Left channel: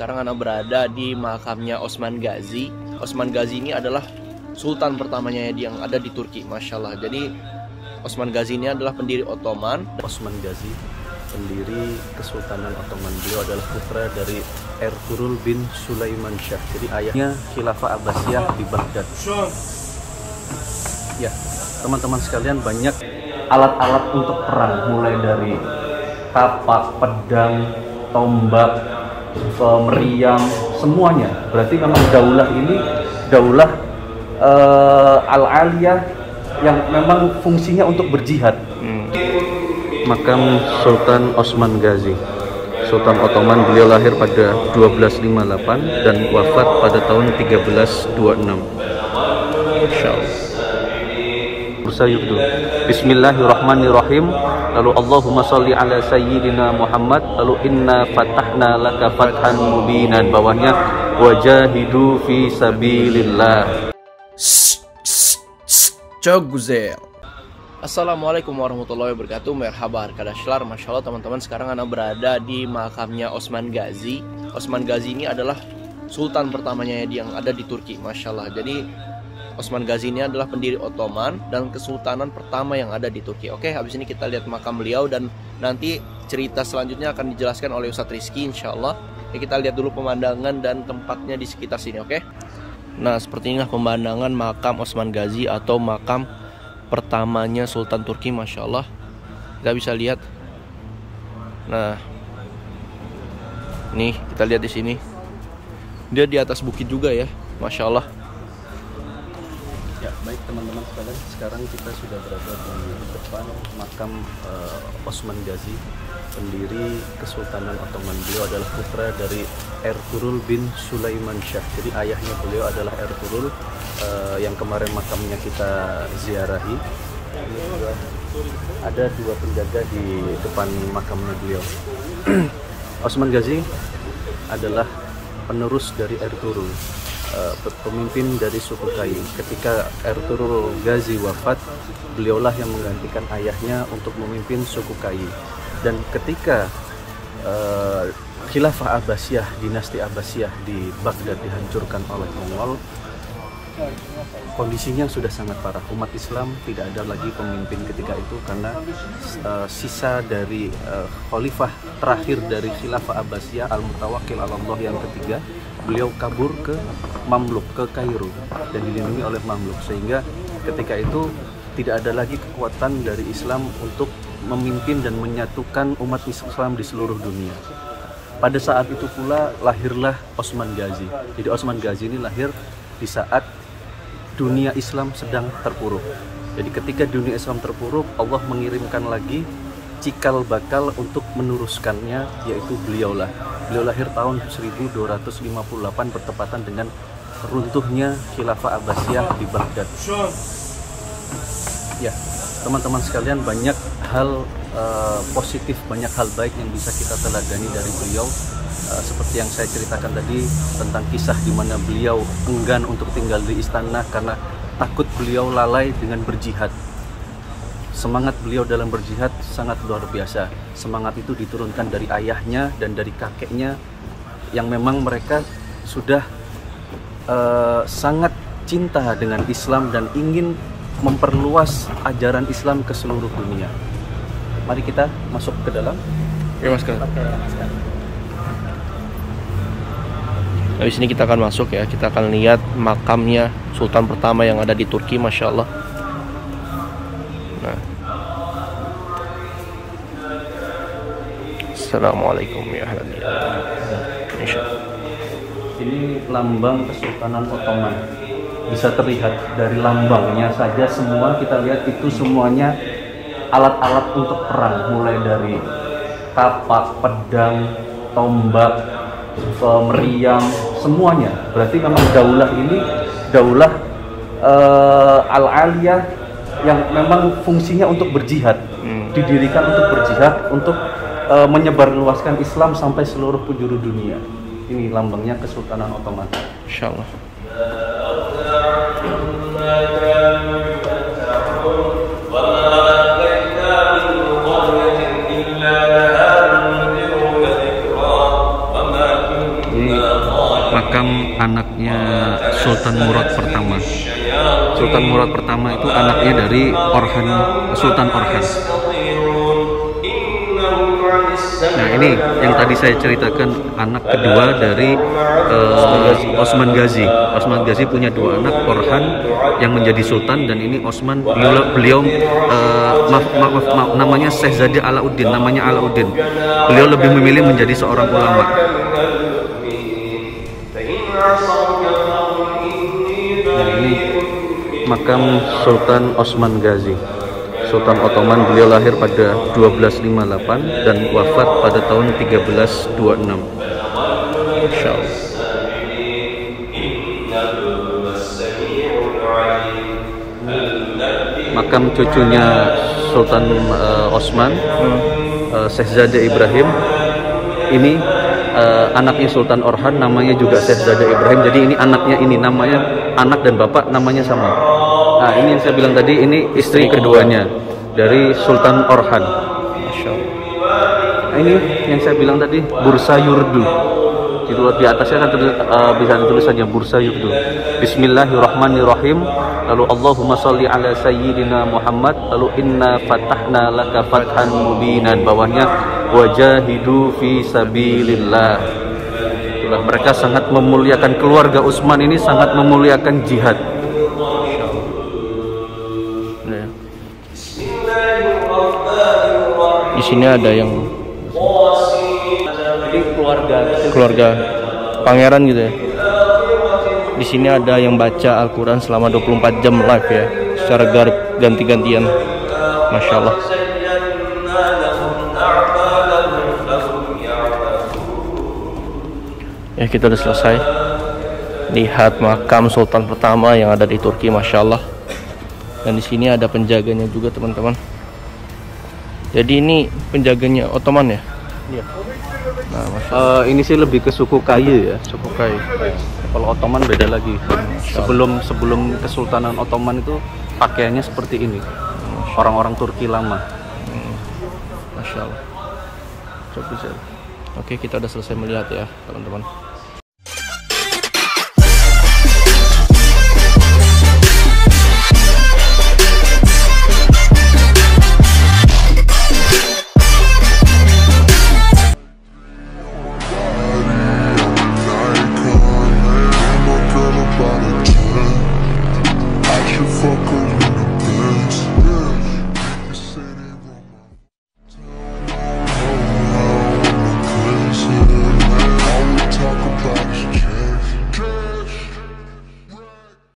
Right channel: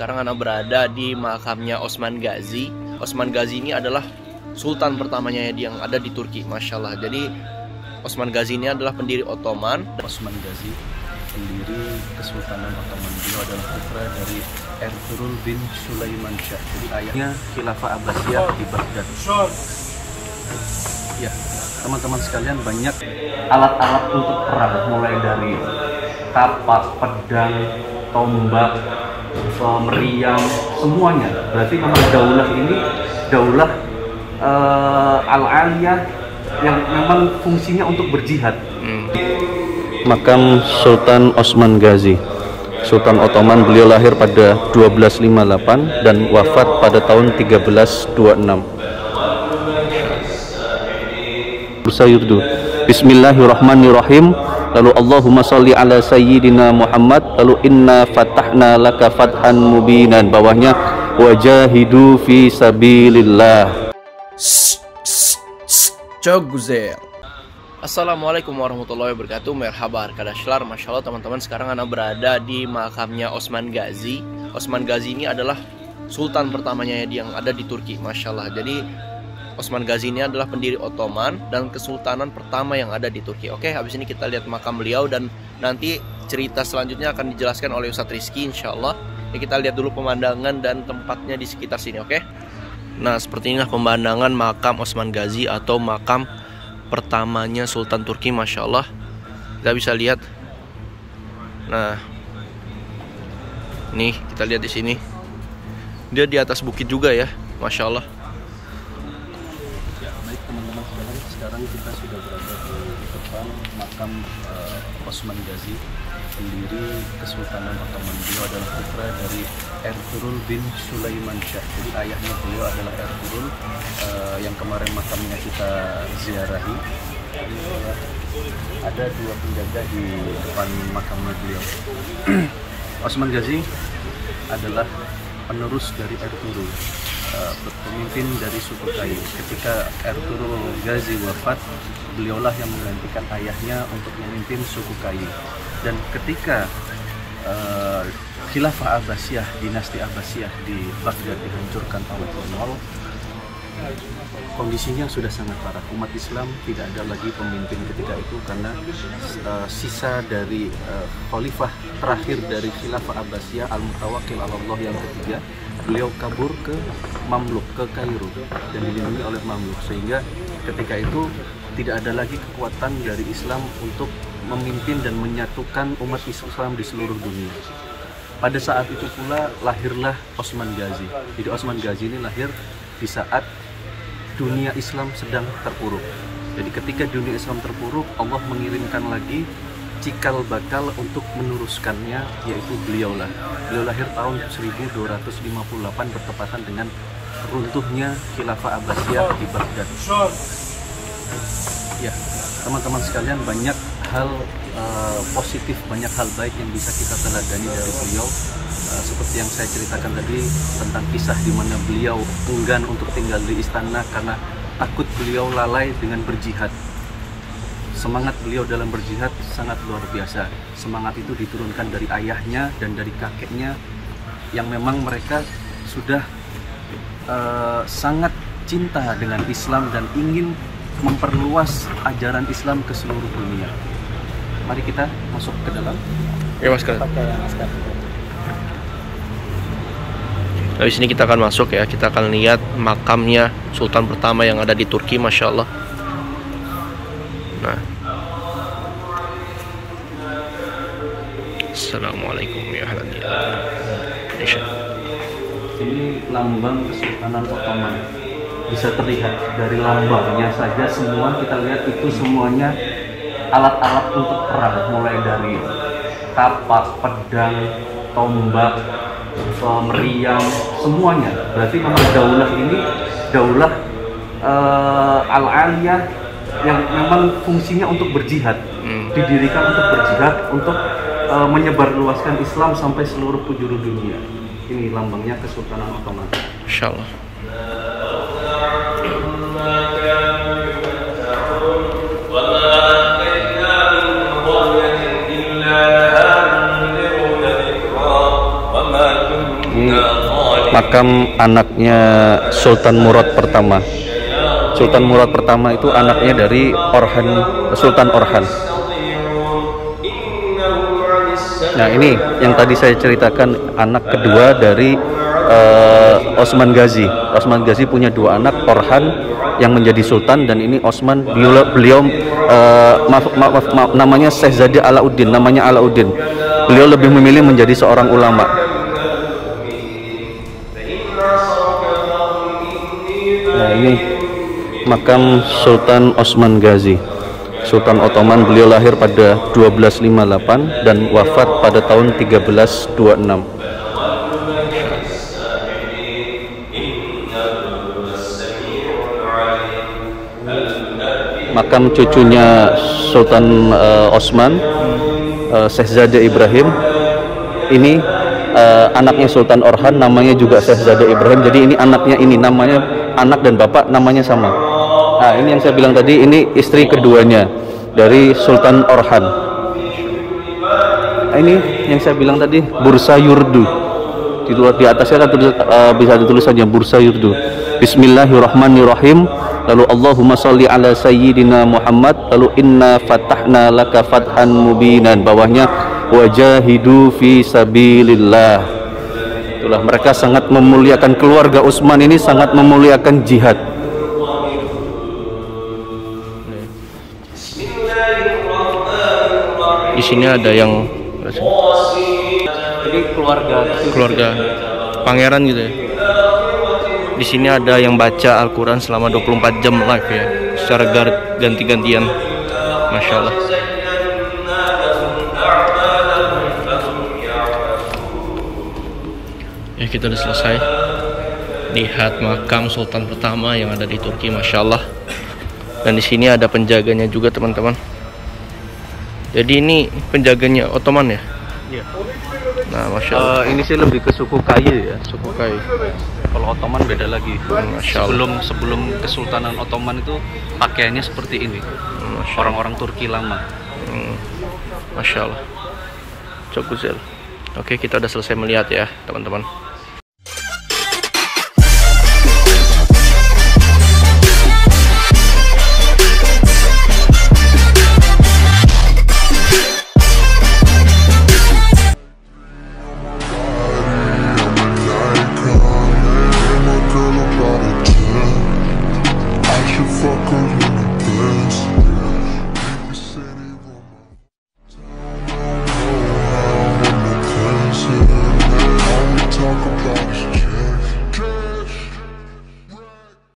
sekarang Ana berada di makamnya Osman Ghazi. Osman Ghazi ini adalah sultan pertamanya yang ada di Turki, Masya Allah. Jadi Osman Ghazi ini adalah pendiri Ottoman. Osman Ghazi, pendiri Kesultanan Ottoman. Beliau adalah putra dari Ertuğrul bin Sulaiman Shah. Jadi ayahnya Khilafah Abbasiyah di Baghdad. Ya, teman-teman sekalian, banyak alat-alat untuk perang, mulai dari kapak, pedang, tombak, meriam, semuanya. Berarti memang daulah ini daulah al-aliyah yang memang fungsinya untuk berjihad. Makam Sultan Osman Ghazi, Sultan Ottoman. Beliau lahir pada 1258 dan wafat pada tahun 1326. Bersayudu. Bismillahirrahmanirrahim. Lalu Allahumma salli ala sayyidina Muhammad. Lalu inna fatahna laka fathan mubinan. Bawahnya wajahidu fi sabilillah. Coguzel. Assalamualaikum warahmatullahi wabarakatuh. Merhaba arkadaşlar. Masya Allah teman-teman, sekarang Ana berada di makamnya Osman Ghazi. Osman Ghazi ini adalah sultan pertamanya yang ada di Turki, Masya Allah. Jadi Osman Ghazi ini adalah pendiri Ottoman dan kesultanan pertama yang ada di Turki. Oke, habis ini kita lihat makam beliau dan nanti cerita selanjutnya akan dijelaskan oleh Ustadz Rizky, insya Allah. Ya, kita lihat dulu pemandangan dan tempatnya di sekitar sini, oke? Nah, seperti inilah pemandangan makam Osman Ghazi atau makam pertamanya Sultan Turki, Masya Allah. Kita bisa lihat. Nah, nih kita lihat di sini. Dia di atas bukit juga ya, Masya Allah. Ya, baik teman-teman sekalian, sekarang kita sudah berada di depan makam Osman Ghazi, pendiri Kesultanan Ottoman. Beliau adalah putra dari Ertuğrul bin Sulaiman Shah. Jadi ayahnya beliau adalah Ertuğrul yang kemarin makamnya kita ziarahi. Ini juga ada dua penjaga di depan makamnya beliau. Osman Ghazi adalah penerus dari Ertuğrul, pemimpin dari suku Kayu. Ketika Ertuğrul Ghazi wafat, beliaulah yang menggantikan ayahnya untuk memimpin suku Kayu. Dan ketika Khilafah Abbasiyah, dinasti Abbasiyah di Baghdad dihancurkan oleh Mongol, kondisinya sudah sangat parah. Umat Islam tidak ada lagi pemimpin ketika itu karena sisa dari khalifah terakhir dari Khilafah Abbasiyah, Al-Mutawakkil 'ala Allah yang ketiga, beliau kabur ke Mamluk, ke Kairo, dan dilindungi oleh Mamluk, sehingga ketika itu tidak ada lagi kekuatan dari Islam untuk memimpin dan menyatukan umat Islam di seluruh dunia. Pada saat itu pula lahirlah Osman Ghazi. Jadi Osman Ghazi ini lahir di saat dunia Islam sedang terpuruk. Jadi ketika dunia Islam terpuruk, Allah mengirimkan lagi cikal bakal untuk meneruskannya, yaitu beliaulah. Beliau lahir tahun 1258 bertepatan dengan runtuhnya Khilafah Abbasiyah di Baghdad. Ya, teman-teman sekalian, banyak hal positif, banyak hal baik yang bisa kita teladani dari beliau. Seperti yang saya ceritakan tadi tentang kisah di mana beliau enggan untuk tinggal di istana karena takut beliau lalai dengan berjihad. Semangat beliau dalam berjihad sangat luar biasa. Semangat itu diturunkan dari ayahnya dan dari kakeknya yang memang mereka sudah sangat cinta dengan Islam dan ingin memperluas ajaran Islam ke seluruh dunia. Mari kita masuk ke dalam. Ya, Mas. Habis ini kita akan masuk ya, kita akan lihat makamnya Sultan pertama yang ada di Turki, Masya Allah. Nah, Assalamualaikum ya ahlan Indonesia. Ini lambang Kesultanan Ottoman. Bisa terlihat dari lambangnya saja, semua kita lihat itu semuanya alat-alat untuk perang, mulai dari kapak, pedang, tombak, meriam, semuanya. Berarti memang daulah ini daulah al-aliyah yang memang fungsinya untuk berjihad. Didirikan untuk berjihad, untuk menyebarluaskan Islam sampai seluruh penjuru dunia. Ini lambangnya Kesultanan Ottoman. Insyaallah. Ini makam anaknya Sultan Murad pertama. Sultan Murad pertama itu anaknya dari Sultan Orhan. Nah, ini yang tadi saya ceritakan, anak kedua dari Osman Ghazi. Osman Ghazi punya dua anak, Orhan yang menjadi sultan, dan ini Osman, beliau namanya Syekh Zadi Alauddin, namanya Alauddin. Beliau lebih memilih menjadi seorang ulama. Nah, ini makam Sultan Osman Ghazi, Sultan Ottoman. Beliau lahir pada 1258 dan wafat pada tahun 1326. Makam cucunya Sultan Osman, Syekh Zade Ibrahim. Ini anaknya Sultan Orhan, namanya juga Syekh Zade Ibrahim. Jadi ini anaknya, ini namanya, anak dan bapak namanya sama. Nah, ini yang saya bilang tadi, ini istri keduanya dari Sultan Orhan. Nah, ini yang saya bilang tadi, Bursa Yurdu. Di atasnya kan bisa ditulisannya Bursa Yurdu. Bismillahirrahmanirrahim. Lalu Allahumma salli ala sayyidina Muhammad. Lalu inna fatahna laka fathan mubinan. Bawahnya wajahidu fi sabilillah. Itulah, mereka sangat memuliakan, keluarga Utsman ini sangat memuliakan jihad. Di sini ada yang Jadi keluarga pangeran gitu ya. Di sini ada yang baca Al-Quran selama 24 jam live ya, secara ganti-gantian. Masya Allah. Ya, kita udah selesai lihat makam Sultan pertama yang ada di Turki, Masya Allah. Dan di sini ada penjaganya juga, teman-teman. Jadi ini penjaganya Ottoman ya? Iya. Nah, Masya Allah. Ini sih lebih ke suku Kaye ya. Suku Kai. Kalau Ottoman beda lagi. Masya Allah. Sebelum Kesultanan Ottoman itu pakaiannya seperti ini. Orang-orang Turki lama. Masya Allah. Çok güzel. Oke, kita udah selesai melihat ya, teman-teman. Talk about